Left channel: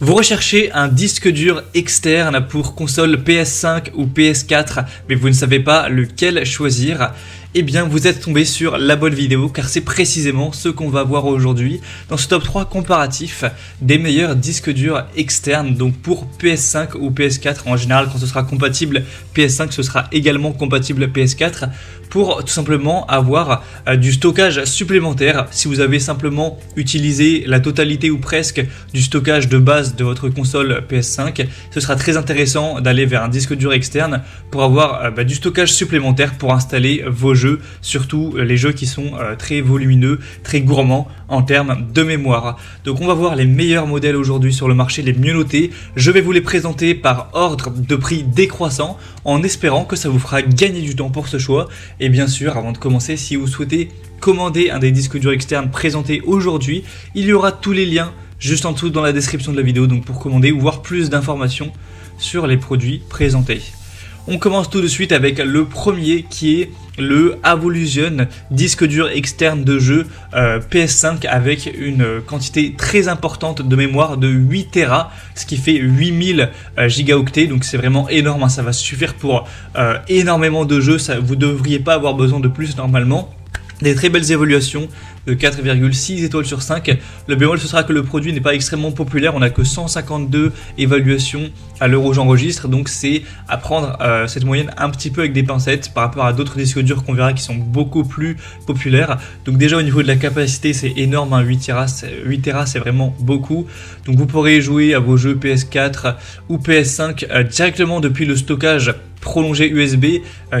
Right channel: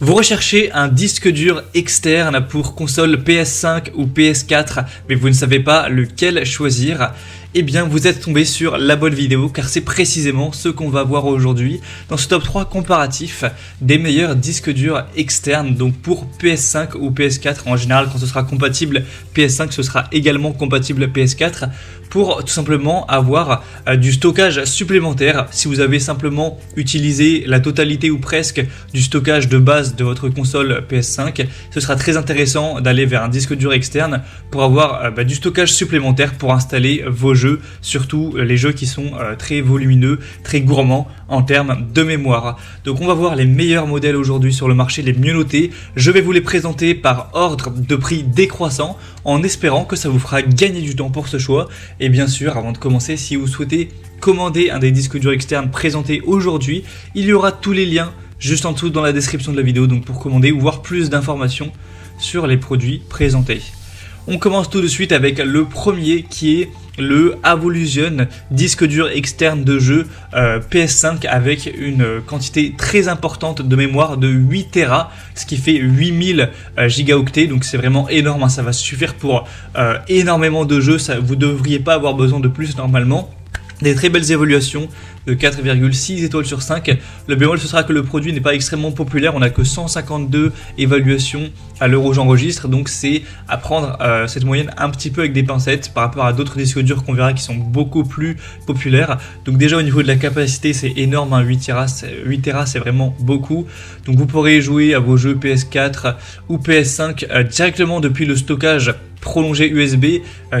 Vous recherchez un disque dur externe pour console PS5 ou PS4, mais vous ne savez pas lequel choisir. Eh bien, vous êtes tombé sur la bonne vidéo, car c'est précisément ce qu'on va voir aujourd'hui dans ce top 3 comparatif des meilleurs disques durs externes, donc pour PS5 ou PS4. En général, quand ce sera compatible PS5, ce sera également compatible PS4. Pour tout simplement avoir du stockage supplémentaire. Si vous avez simplement utilisé la totalité ou presque du stockage de base de votre console PS5, ce sera très intéressant d'aller vers un disque dur externe pour avoir du stockage supplémentaire pour installer vos jeux, surtout les jeux qui sont très volumineux, très gourmands en termes de mémoire. Donc on va voir les meilleurs modèles aujourd'hui sur le marché, les mieux notés. Je vais vous les présenter par ordre de prix décroissant, en espérant que ça vous fera gagner du temps pour ce choix. Et bien sûr, avant de commencer, si vous souhaitez commander un des disques durs externes présentés aujourd'hui, il y aura tous les liens juste en dessous dans la description de la vidéo, donc pour commander ou voir plus d'informations sur les produits présentés. On commence tout de suite avec le premier qui est le Avolution disque dur externe de jeu PS5 avec une quantité très importante de mémoire de 8 Tera, ce qui fait 8000 gigaoctets, donc c'est vraiment énorme, hein, ça va suffire pour énormément de jeux, vous ne devriez pas avoir besoin de plus normalement. Des très belles évaluations de 4,6 étoiles sur 5. Le bémol, ce sera que le produit n'est pas extrêmement populaire. On n'a que 152 évaluations à l'heure où j'enregistre. Donc c'est à prendre cette moyenne un petit peu avec des pincettes par rapport à d'autres disques durs qu'on verra qui sont beaucoup plus populaires. Donc déjà au niveau de la capacité, c'est énorme, hein, 8 Tera, c'est vraiment beaucoup. Donc vous pourrez jouer à vos jeux PS4 ou PS5 directement depuis le stockage prolongé USB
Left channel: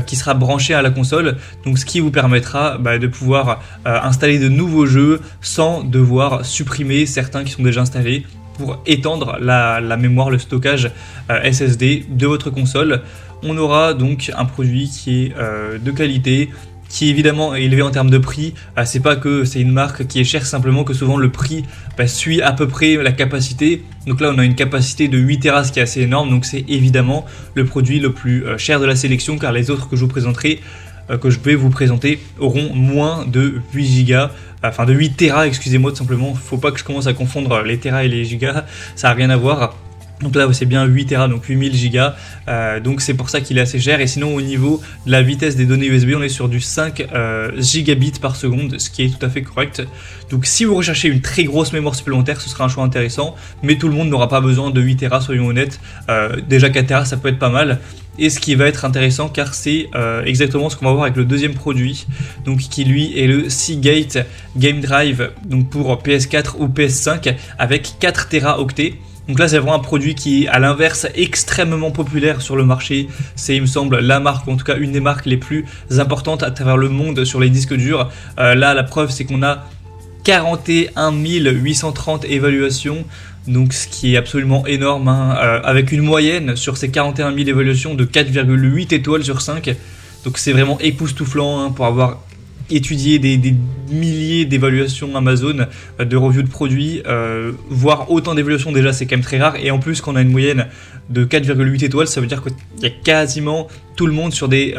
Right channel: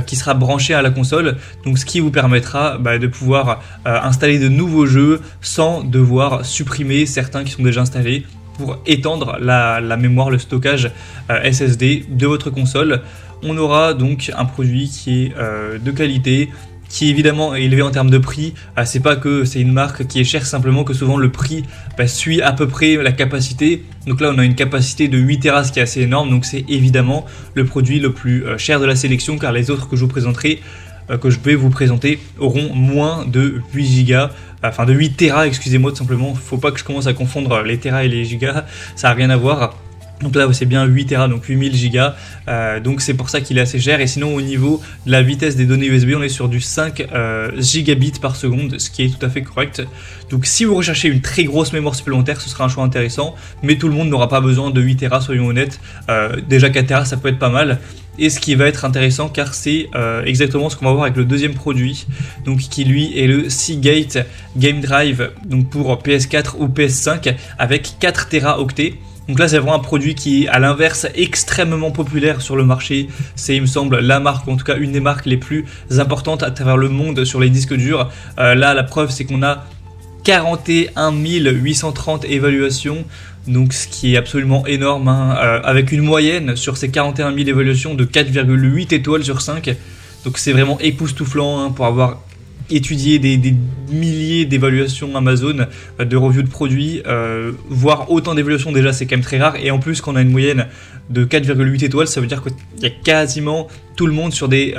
qui sera branché à la console, donc ce qui vous permettra de pouvoir installer de nouveaux jeux sans devoir supprimer certains qui sont déjà installés pour étendre la mémoire, le stockage SSD de votre console. On aura donc un produit qui est de qualité, qui est évidemment élevé en termes de prix. C'est pas que c'est une marque qui est chère, simplement que souvent le prix suit à peu près la capacité. Donc là on a une capacité de 8 Tera, ce qui est assez énorme, donc c'est évidemment le produit le plus cher de la sélection, car les autres que je vous présenterai, que je vais vous présenter, auront moins de 8 gigas, enfin de 8 Tera, excusez-moi tout simplement. Faut pas que je commence à confondre les Tera et les gigas, ça a rien à voir. Donc là c'est bien 8 Tera, donc 8000 gigas, donc c'est pour ça qu'il est assez cher. Et sinon au niveau de la vitesse des données USB, on est sur du 5 gigabits par seconde, ce qui est tout à fait correct. Donc si vous recherchez une très grosse mémoire supplémentaire, ce sera un choix intéressant, mais tout le monde n'aura pas besoin de 8 Tera, soyons honnêtes. Déjà 4 Tera ça peut être pas mal. Et ce qui va être intéressant, car c'est exactement ce qu'on va voir avec le deuxième produit, donc qui lui est le Seagate Game Drive, donc pour PS4 ou PS5 avec 4 Teraoctets. Donc là c'est vraiment un produit qui est à l'inverse extrêmement populaire sur le marché. C'est, il me semble, la marque, ou en tout cas une des marques les plus importantes à travers le monde sur les disques durs. Là la preuve c'est qu'on a 41 830 évaluations, donc ce qui est absolument énorme, hein, avec une moyenne sur ces 41 000 évaluations de 4,8 étoiles sur 5. Donc c'est vraiment époustouflant, hein, pour avoir étudié des milliers d'évaluations Amazon, de reviews de produits, voir autant d'évaluations déjà c'est quand même très rare, et en plus qu'on a une moyenne de 4,8 étoiles, ça veut dire qu'il y a quasiment tout le monde sur des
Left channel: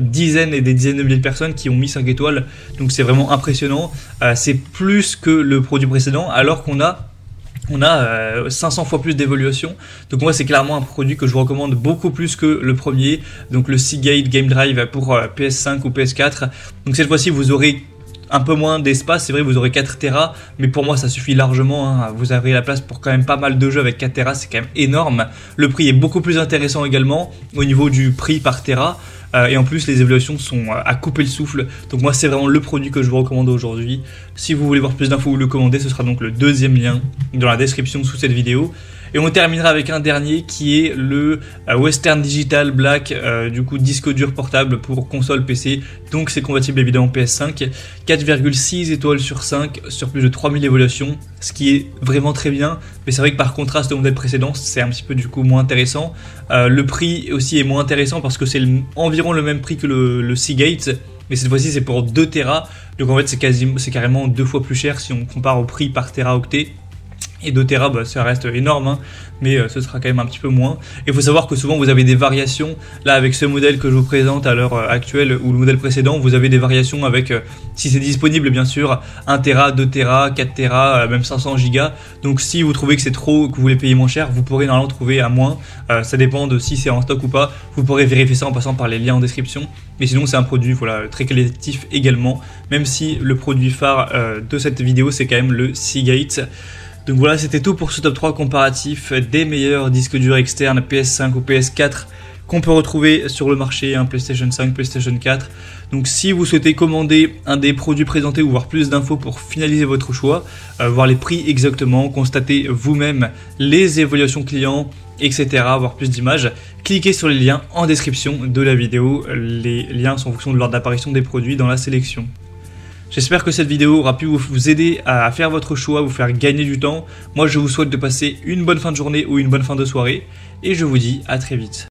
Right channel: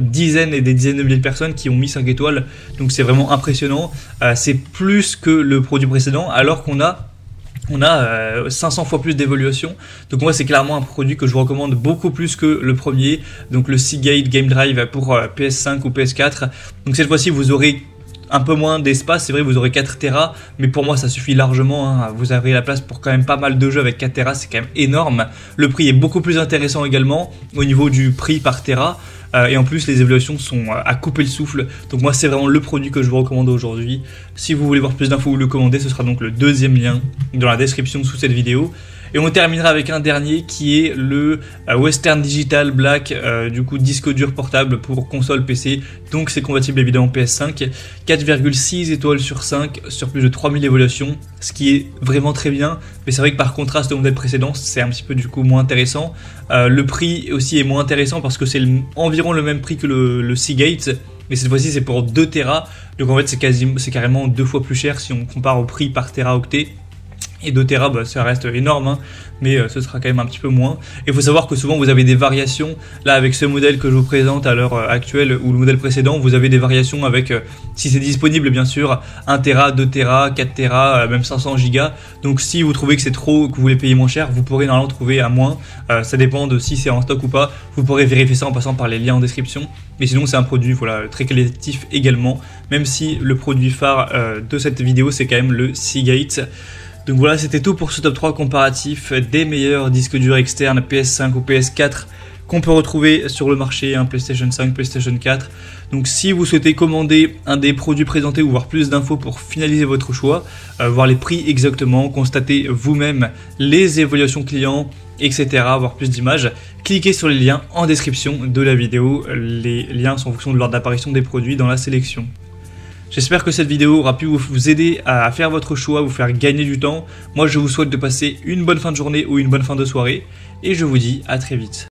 dizaines et des dizaines de milliers de personnes qui ont mis 5 étoiles, donc c'est vraiment impressionnant. C'est plus que le produit précédent, alors qu'on a 500 fois plus d'évaluation. Donc moi c'est clairement un produit que je vous recommande beaucoup plus que le premier, donc le Seagate Game Drive pour PS5 ou PS4. Donc cette fois-ci vous aurez un peu moins d'espace, c'est vrai, vous aurez 4 Tera, mais pour moi ça suffit largement, hein. Vous avez la place pour quand même pas mal de jeux avec 4 Tera, c'est quand même énorme. Le prix est beaucoup plus intéressant également au niveau du prix par Tera, et en plus les évaluations sont à couper le souffle. Donc moi c'est vraiment le produit que je vous recommande aujourd'hui. Si vous voulez voir plus d'infos ou le commander, ce sera donc le deuxième lien dans la description sous cette vidéo. Et on terminera avec un dernier qui est le Western Digital Black, du coup disque dur portable pour console PC. Donc c'est compatible évidemment PS5, 4,6 étoiles sur 5 sur plus de 3000 évaluations, ce qui est vraiment très bien. Mais c'est vrai que par contraste au modèle précédent, c'est un petit peu du coup moins intéressant. Le prix aussi est moins intéressant parce que c'est environ le même prix que le Seagate, mais cette fois-ci c'est pour 2 Tera. Donc en fait c'est carrément 2 fois plus cher si on compare au prix par Teraoctet. Et 2 Tera, bah, ça reste énorme, hein, mais ce sera quand même un petit peu moins. Il faut savoir que souvent vous avez des variations. Là, avec ce modèle que je vous présente à l'heure actuelle ou le modèle précédent, vous avez des variations avec, si c'est disponible bien sûr, 1 Tera, 2 Tera, 4 Tera, même 500 Go. Donc si vous trouvez que c'est trop, que vous voulez payer moins cher, vous pourrez normalement trouver à moins. Ça dépend de si c'est en stock ou pas. Vous pourrez vérifier ça en passant par les liens en description. Mais sinon, c'est un produit voilà, très qualitatif également, même si le produit phare de cette vidéo, c'est quand même le Seagate. Donc voilà, c'était tout pour ce top 3 comparatif des meilleurs disques durs externes PS5 ou PS4 qu'on peut retrouver sur le marché, hein, PlayStation 5, PlayStation 4. Donc si vous souhaitez commander un des produits présentés ou voir plus d'infos pour finaliser votre choix, voir les prix exactement, constater vous-même les évaluations clients, etc., voir plus d'images, cliquez sur les liens en description de la vidéo. Les liens sont en fonction de l'ordre d'apparition des produits dans la sélection. J'espère que cette vidéo aura pu vous aider à faire votre choix, vous faire gagner du temps. Moi, je vous souhaite de passer une bonne fin de journée ou une bonne fin de soirée. Et je vous dis à très vite.